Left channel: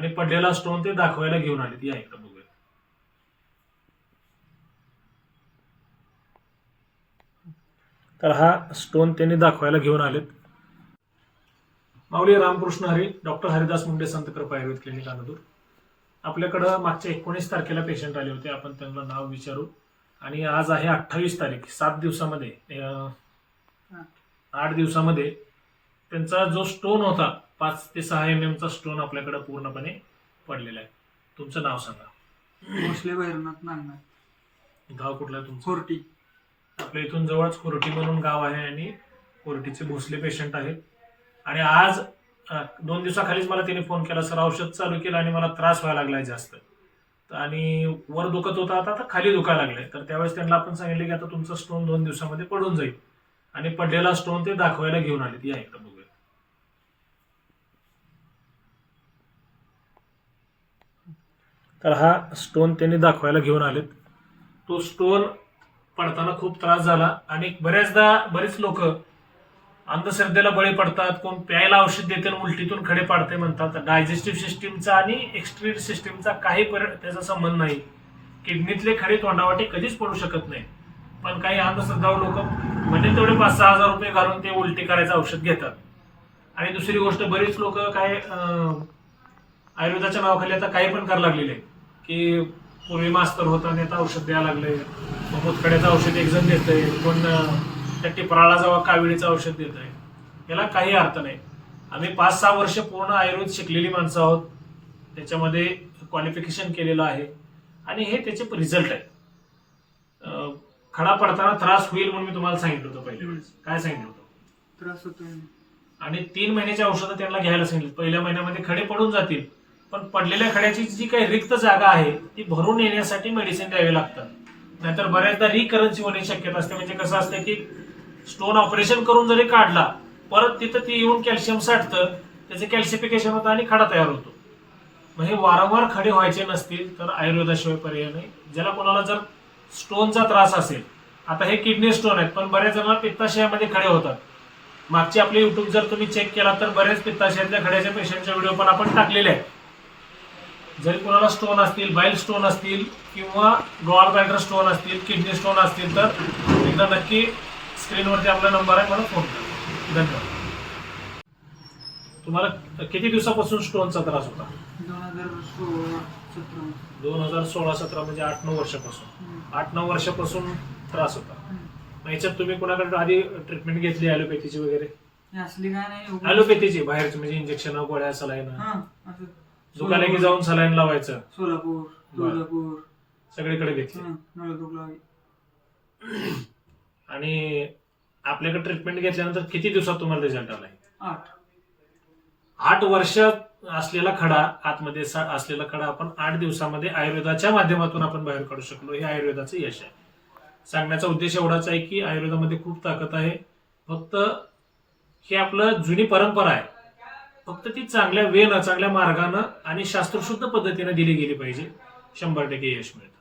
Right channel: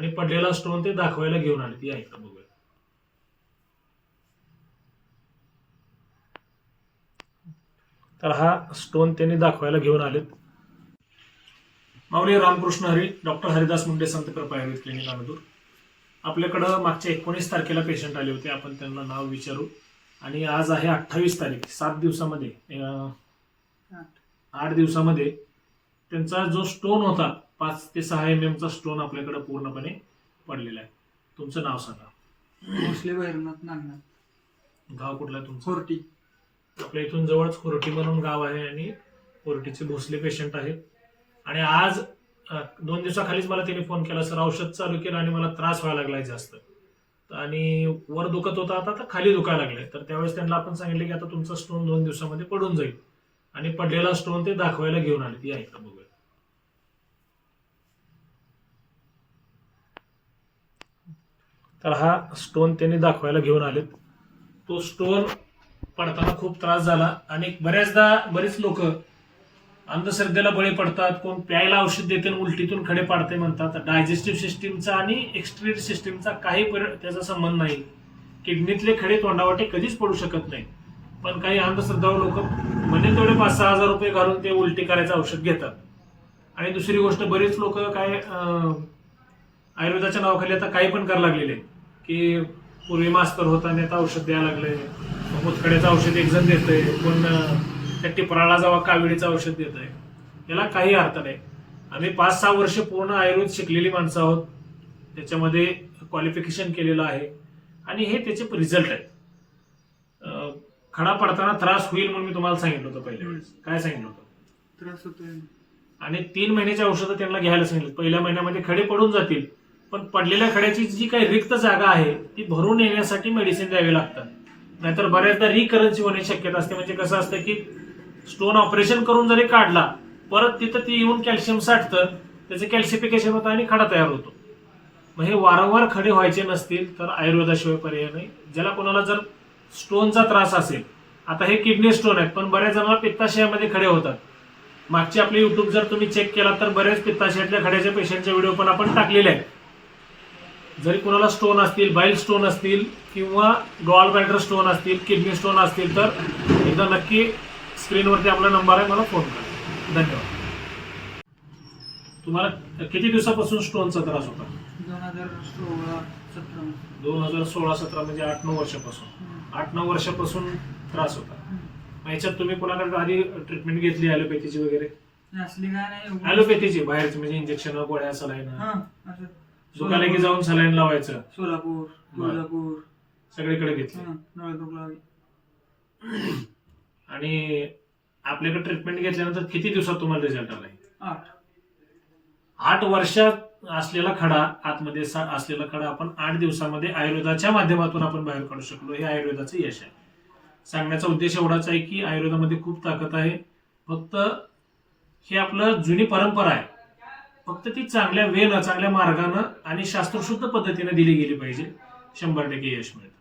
आणि पडलेला स्टोन ते दाखवायला घेऊन आले या इकडे बघूया तर हा स्टोन त्यांनी दाखवायला घेऊन आलेत. माऊली रामकृष्ण हरी डॉक्टर हरिदास मुंडे संत कृपा आयुर्वेद क्लिनिक अनदूर. आपल्याकडं मागच्या एकोणीस तारखेला पेशंट आले होते. आपण त्यांना नाव विचारू. आणि आज आहे अठ्ठावीस तारीख सात दिवसामध्ये आठ दिवसामध्ये त्यांचा जो स्टोन होता पाच ते सहा एम एमचा स्टोन आपल्याकडे पूर्णपणे पडलेला आहे. तुमचं नाव सांगा. भोसले भैरवनाथ नागनाथ. गाव कुठलं तुमचं? कोरटी आपल्या इथून जवळच कोरटी म्हणून गाव आहे आणि कोरटीचे भोसले पेशंट आहेत. आणि आज दोन दिवसाखालीच मला त्यांनी फोन केला सर औषध चालू केलं आणि मला त्रास व्हायला लागलाय जास्त. आणि वर दुखत होता आता आता खाली दुखायला लागले तर त्यावेळेस त्यांना आपण सांगितलं की आता तुमचा स्टोन दोन दिवसामध्ये पडून जाईल. आणि पडलेला स्टोन ते दाखवायला घेऊन आले या इकडे बघूया. तर हा स्टोन त्यांनी दाखवायला घेऊन आलेत. तो स्टोन पडताना खूप त्रास झाला आणि बऱ्याचदा बरेच लोक अंधश्रद्धेला बळी पडतात कोण प्यायला औषध देते आणि उलटीतून खडे पाडते म्हणतात. डायजेस्टिव्ह सिस्टीमचा आणि एक्सट्री सिस्टीमचा काही पर- त्याचा संबंध नाही. किडनीतले खडे तोंडावाटे कधीच पडू शकत नाही पण काही अंधश्रद्धावर लोक म्हणजे तेवढे पाच सहा हजार रुपये घालून ते उलटी करायचं औषध घेतात. आणि दुसरी गोष्ट बरीच लोक काय आयुर्वेदाच्या नावाखाली आता काही पण करायला लागलेले आहे. की पूर्वी मास्तर होता आता औषध द्यायला लागले. मुतखड्याचं औषध एक जण देतंय कोण अं, त्या टिपराला जेव्हा काविळीचं औषध देत आहे याला काही अर्थ नाही. आम्ही पाच सहा वर्ष पूर्ण आयुर्वेद शिकलेली माणसं आहोत. त्याच्यामध्ये क्वालिफिकेशन केलेलं आहे. आणि हे त्याचे रिझल्ट आहेत. अं, खडा पडताना त्रास होईल म्हणून मी तुम्हाला सांगितलं होतं पहिल्या वेळेस. काय सांगितलं होतं? त्रास होतोय. आणि तीन महिन्याची औषधं त्यांना घ्यायला सांगितलं. पहिल्या महिन्यामध्ये खडे पडून जातील. पण पडलेल्या खड्याची जी काही रिक्त जागा आहे ती भरून येण्यासाठी मेडिसिन द्यावी लागतात. नाहीतर बऱ्याचदा रिकरन्सी होण्याची शक्यता असते. म्हणजे कसं असतं की स्टोन ऑपरेशन करून जरी काढला परत तिथं ती येऊन कॅल्शियम साठतं त्याचं कॅल्शिफिकेशन होतं आणि खडा तयार होतो. मग हे वारंवार खडे व्हायचे नसतील तर आयुर्वेदाशिवाय पर्याय नाही. ज्याला कोणाला जर स्टोनचा त्रास असेल आता हे किडनी स्टोन आहेत पण बऱ्याच जणांना पित्ताशयामध्ये खडे होतात. मागची आपली युट्यूब जर तुम्ही चेक केला तर बऱ्याच पित्ताशयातल्या खड्याच्या पेशंटचे व्हिडिओ पण आपण टाकलेले आहेत. जरी कोणाला स्टोन असतील बाईल स्टोन असतील किंवा गॉल बॅटर स्टोन असतील किडनी स्टोन असतील तर एकदा नक्की स्क्रीनवरती आपला नंबर आहे मला फोन करा. धन्यवाद. तुम्हाला किती दिवसापासून स्टोनचा त्रास होता? दोन हजार सोळा सतरा दोन हजार सोळा सतरा म्हणजे आठ नऊ वर्षापासून. आठ नऊ वर्षापासून त्रास होता. याच्यात तुम्ही कोणाकडे आधी ट्रीटमेंट घेतली ॲलोपॅथीची वगैरे? असली काय नाही उगाच- ॲलोपॅथीची बाहेरची म्हणजे इंजेक्शन गोळ्या सलाईन? दुकाने की जाऊन सलाईन लावायचं. सोलापूर तुळजापूर. सगळीकडे घेतली. हा, आणि आपल्याकडे ट्रीटमेंट घेतल्यानंतर किती दिवसात तुम्हाला रिझल्ट आलाय? आठ. आठ वर्षात असलेला खडा आतमध्ये सा- असलेला खडा आपण आठ दिवसामध्ये आयुर्वेदाच्या माध्यमातून आपण बाहेर काढू शकलो. हे आयुर्वेदाचं यश आहे. सांगण्याचा उद्देश एवढाच आहे की आयुर्वेदामध्ये खूप ताकद आहे. फक्त हे आपलं जुनी परंपरा आहे. फक्त ती चांगल्या वेनं चांगल्या मार्गानं आणि शास्त्रशुद्ध पद्धतीने दिली गेली पाहिजे. शंभर टक्के यश मिळतं.